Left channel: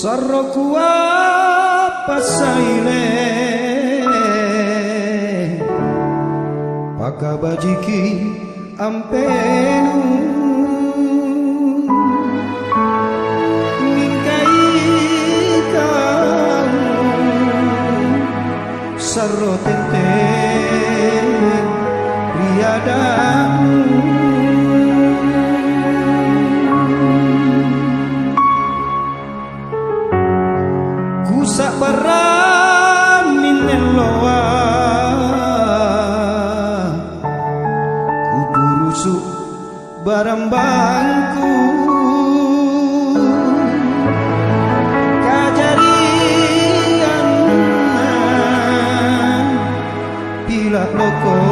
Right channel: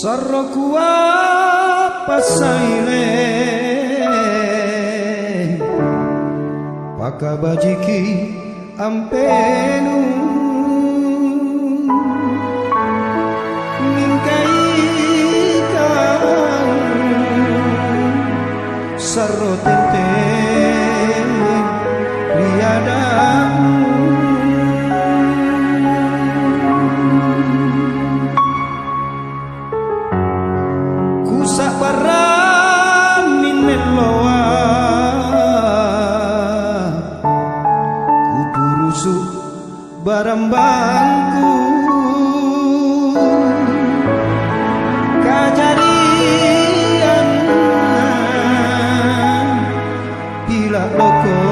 Sarokua pasaile pakabajiki ampenu mingkai kau sarotenten riadamu sak baramin meloa kupurusuk barambangku kajarian bila loko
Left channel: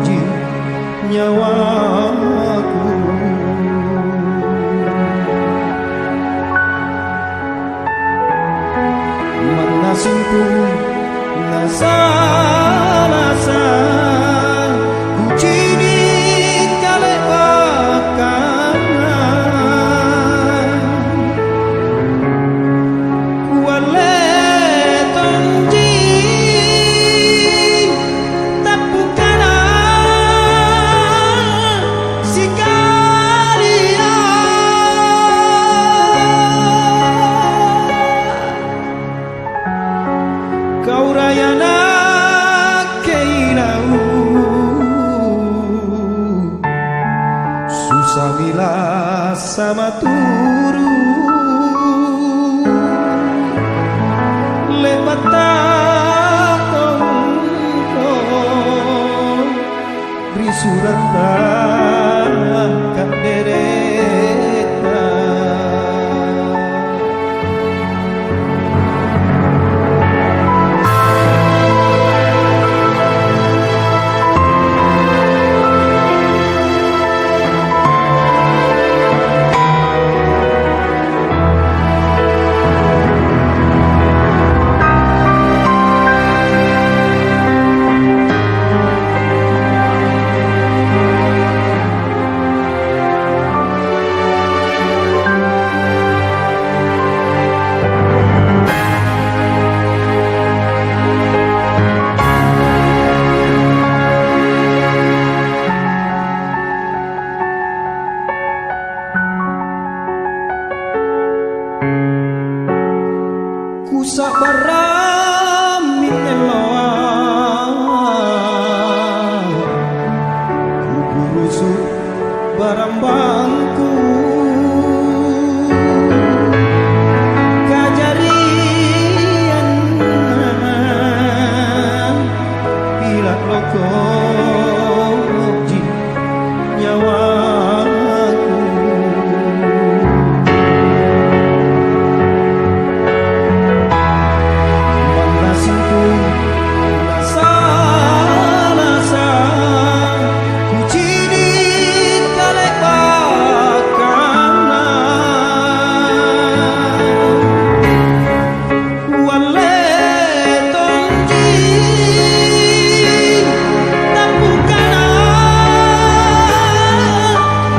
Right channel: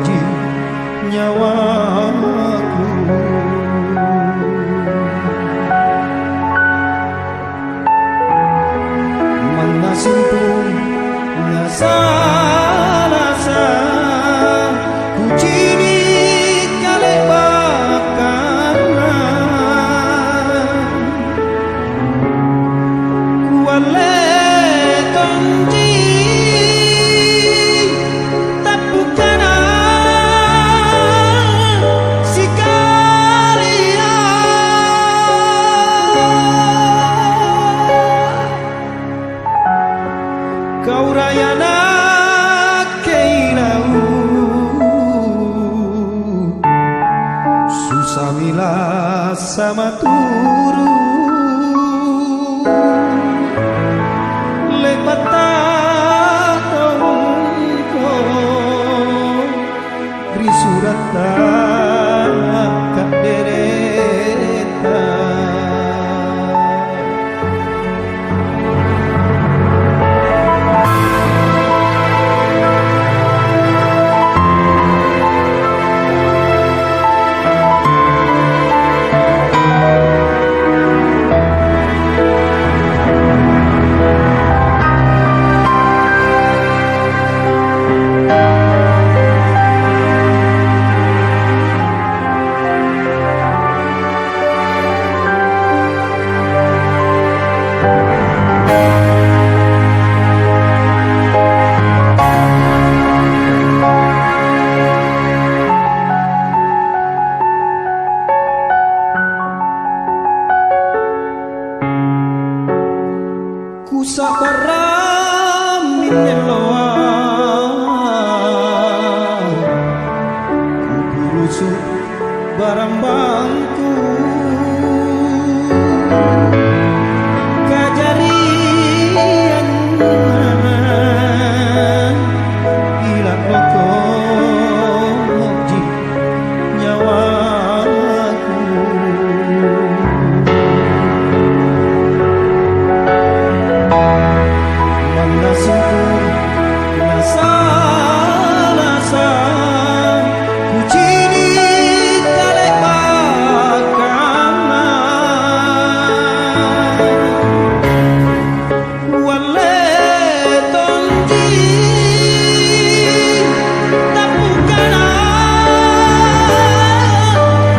ji nyawaku manasimtung nasa-nasa kucini kale bakanan kuale tonji tapukana sikaria kau rayana keilau susamila sama turu lepata tongko beri surata kak dereta sak baramin meloa kupurusuk barambangku kajarian bila roko ji nyawaku manasimtung nasa-nasa kucini kale bakanan wale tonji tapukana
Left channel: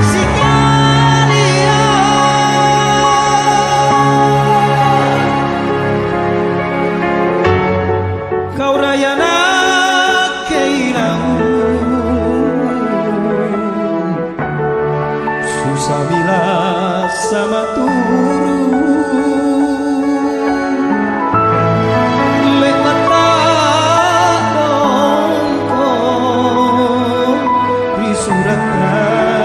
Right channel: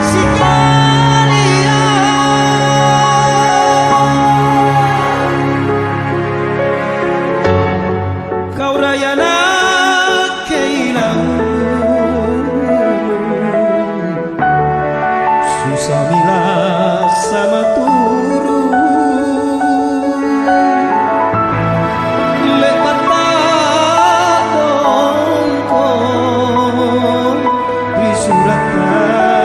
sikaria kau rayana keilau susamila sama turu lek mata dongko beri surata